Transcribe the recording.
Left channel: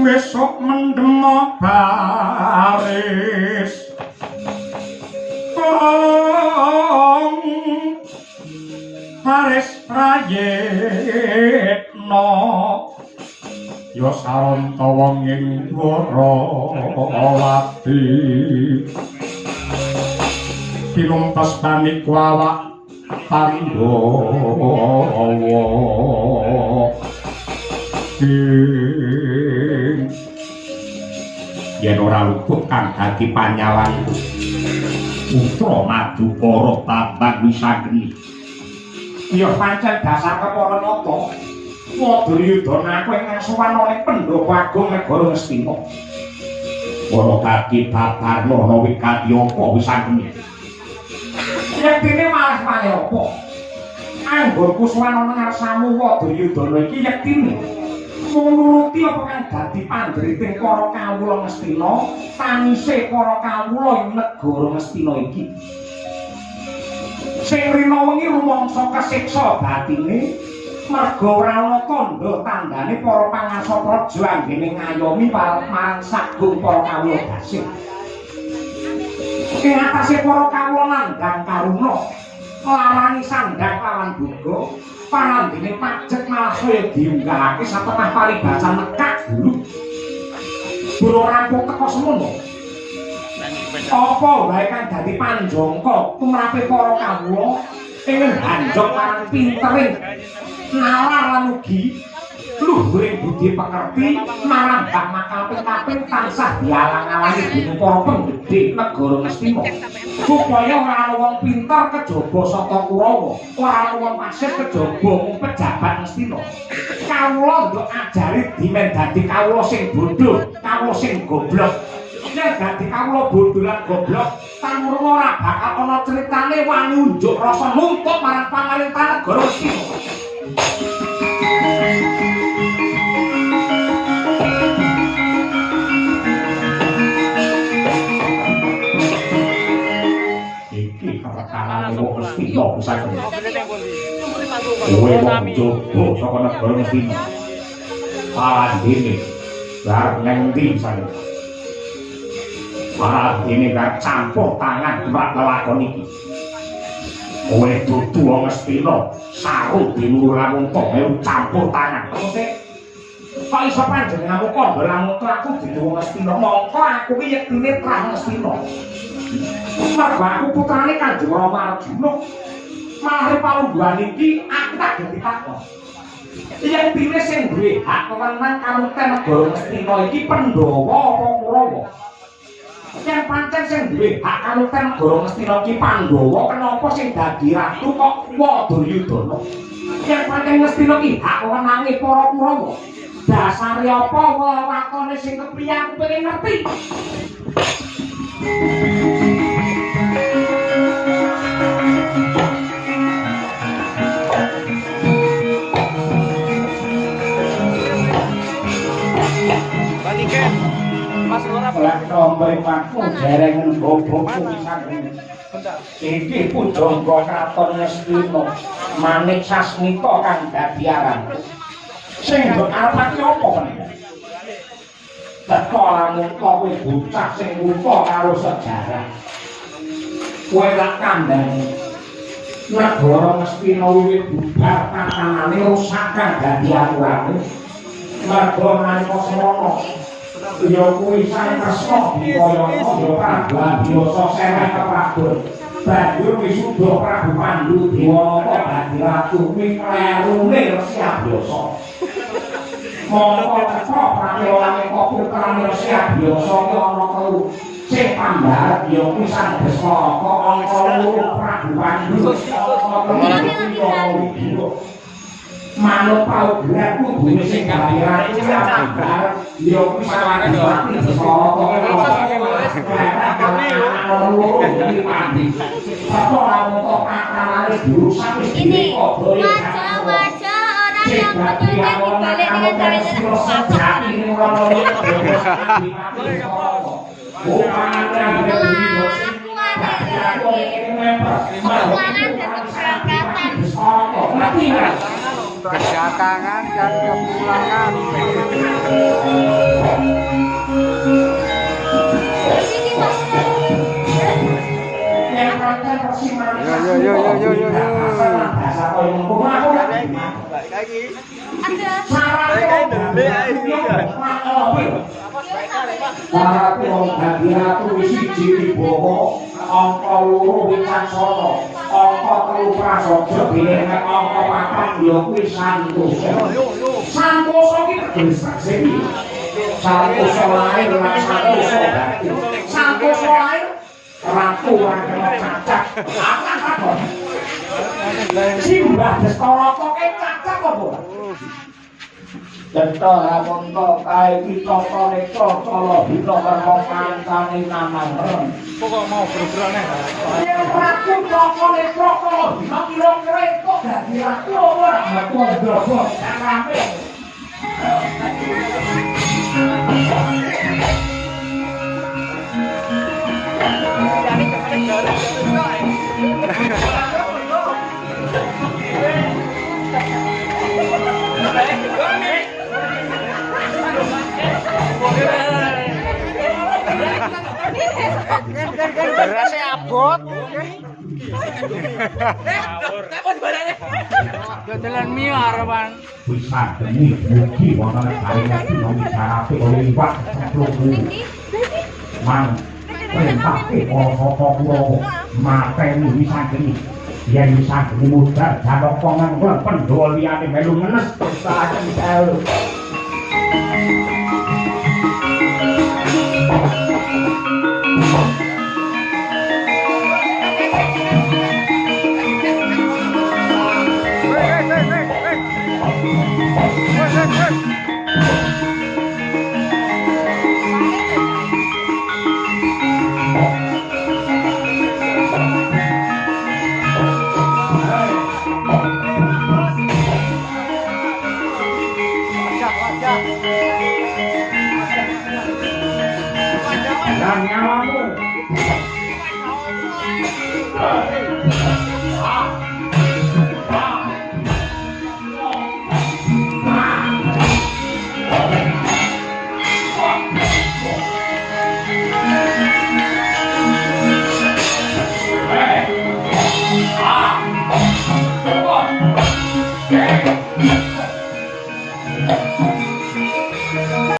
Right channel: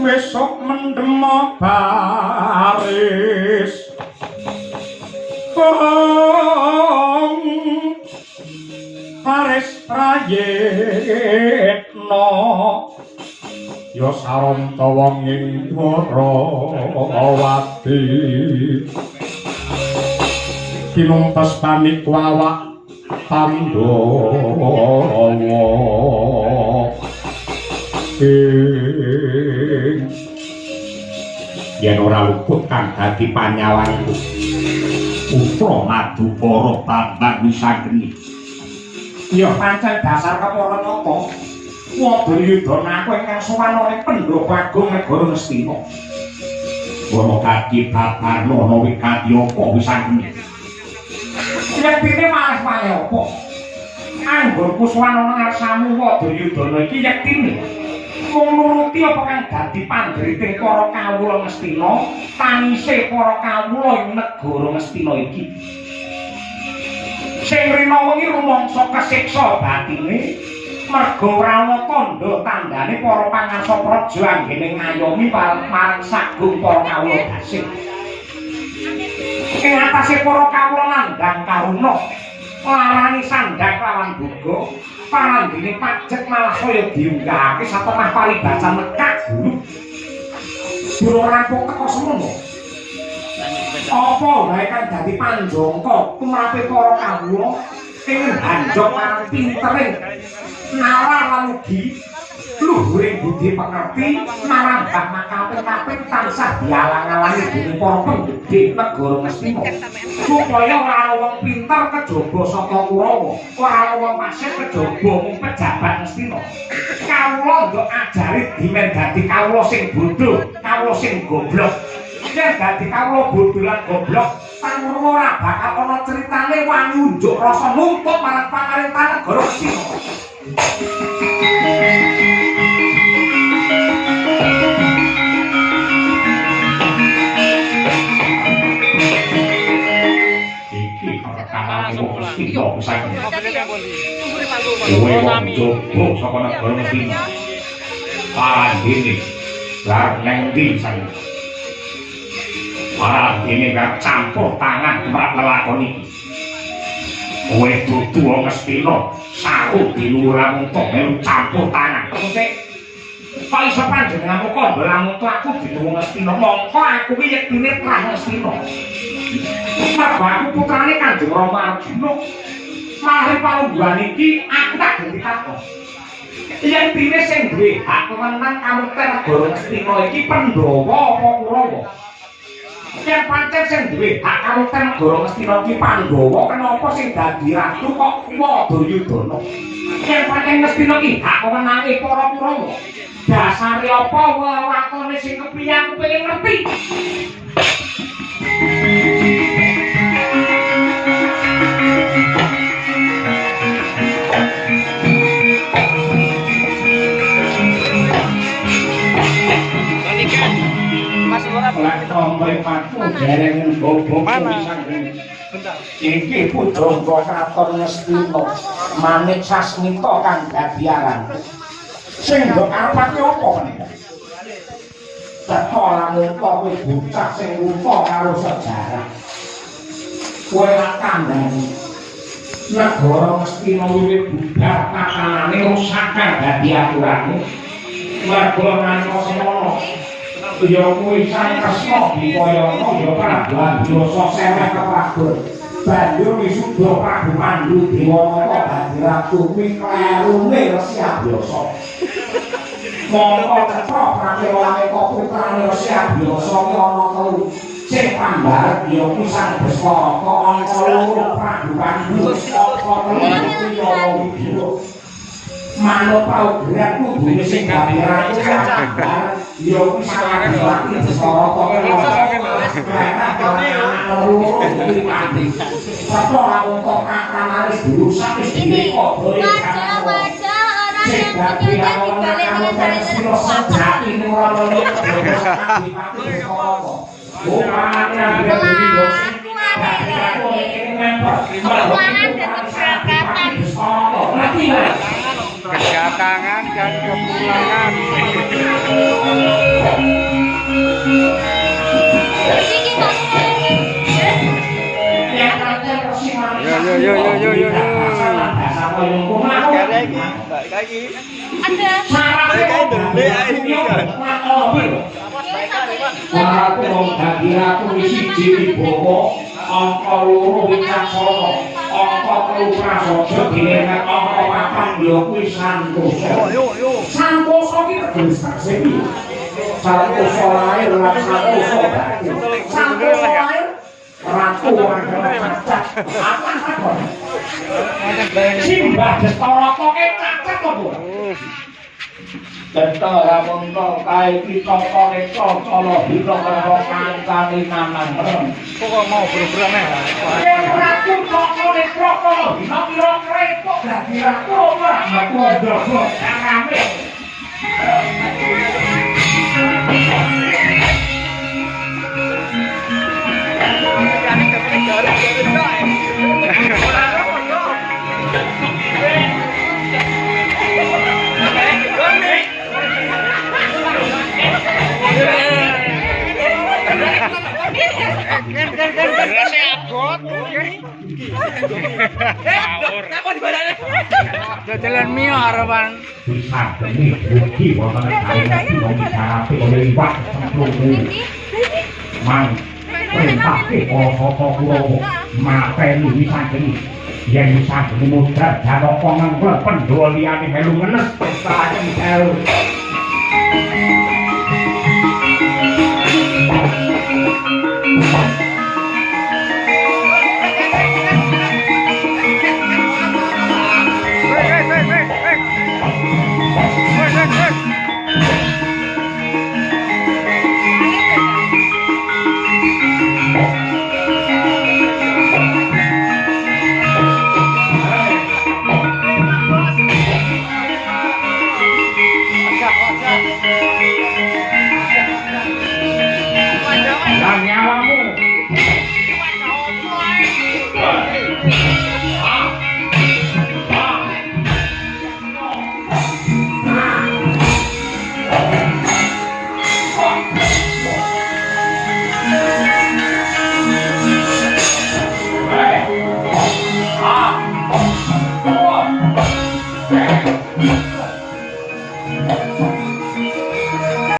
Besok mendem baris Paris prayitna ya saranta wong ing Dwarawati tinumpas panik awak Pandhawa yen ora luput kang dadi panyawanku putra Madukara Bambang Wisageni ya pancen dasar kepara napa Wadayudana aku ingkang suwana ing Pendhapa Agung Negara Ngastina para kaki babar ana wigati apa Wisageni yen dene malah kaya apa anggonku suwana ngarsamu Wadayudana iki yektine nuruti apa kang dadi pandriting para kawula Ngastina tanise para kawula ing negara Ngastina iki sing rina wengi rumangsa kasiksa batine merga ora ana tandha tandane para pangarsa praja anggene ngayomi marang sagung para kawula dasih ing atase para kawula nandhang karuna larani sandhak lawan buga panandhine pajek malah saya diunggahake satengah paribasan nekak dulu rampung teko semono apa wae kan dadi panjangka tumrape para kawula ing banjok lan pintering nalar lan ugi luhuring budi pengerti marang kaping-kaping tansah dialang-alangi dening para penggede negara Ngastina supaya ora ana wong pinter kejaba saka Kurawa ora ana wong pasir kejaba mung pejabat Ngastina kawula yo ajari dimen dadi kawula sing bodho kawula sing goblok yen dadi kawula bodho lan goblok pangurung ora bakal ana critane wani unjuk rasa nuntut marang pamarentah negara Ngastina iya bisa kowe wong jowo saka negara Ngastina parandene lar nang ndi sana parandene gak campur tangan tumrap lelakon iki kowe dudu wong Ngastina saru diluhur lamun tok campur tangan sik kok iso panjenenganmu kok lamun aku dudu wong Ngastina mongko aku iki yektine pra Ngastina Mergo aku putrane Kanjeng Rama Arjuna. Mari palungguhan iki aku tak ganti takon. Yen dene sing duwe hak menang kamukten negara Ngastina iki Pandhawa apa Kurawa? Yen pancen sing duwe hak kamukten negara Ngastina iki Pandhawa, kenapa sing dadi ratu kok Wadayudana? Yen pancen Ngastina iki hak menange para Kurawa. Dasare apa wewakone sing kepiye aku pengen ngerti. Iki pujangga kraton Ngastina Manik Sasmita kang dadi aran sing mbok arepake apa menika teko lamun kowe bocah sing lupa karo sejarah kowe lak kandhani negara Ngastina wiwit bubar tatanane rusak kang dadi aturane mergo nalika semono ya kuwi sang Kresna Dipayana ya Prabu Biasa sereh keprabon banjur wisuda Prabu Pandhu Dewanata dadi ratu kuwi klerune Resi Abyasa mongko cetha pramilane kok putrane Resi Abyasa ana telu sing pambaret ya kuwi sang Baskara ana loro Prabu Pandhu manut paugeran kubune sing kabehane ya kuwi saware ora Baskara ini wajah-wajah orang yang pentingnya dibalik dengan kelakuan dan keberangkatan kedatangan dan kepulangan. Yo. Angka loro Wicaksono, angka telu Prasaja bilengan angka papat ya kuwi Santosa. Santosa ki teges saksi. Santosa lair lan Santosa batin. Santosa lair ratu lan cacat. Apa? Simbah Destara koke cacat apa? Destara punta kae Pitaka Netra Cala Bina karo kancane Mamangren. Kok mau bergerak neh. Yen ratu Cala Netra Cala Bina pira krepok dadi ratu ora aku ndobok rame. Berasnya abot. Ngawur. Apa dibalane? Jajalan mie harapan. Sadene mugi wonten kali ngomong oleh Iwak Sampurmu. Man, perintahke para sapa Kurawa mateni Wisangeni. Yen Wisangeni mudhar Janaka nganggo Pandhawa liyane melu ngenes pestaken dalu.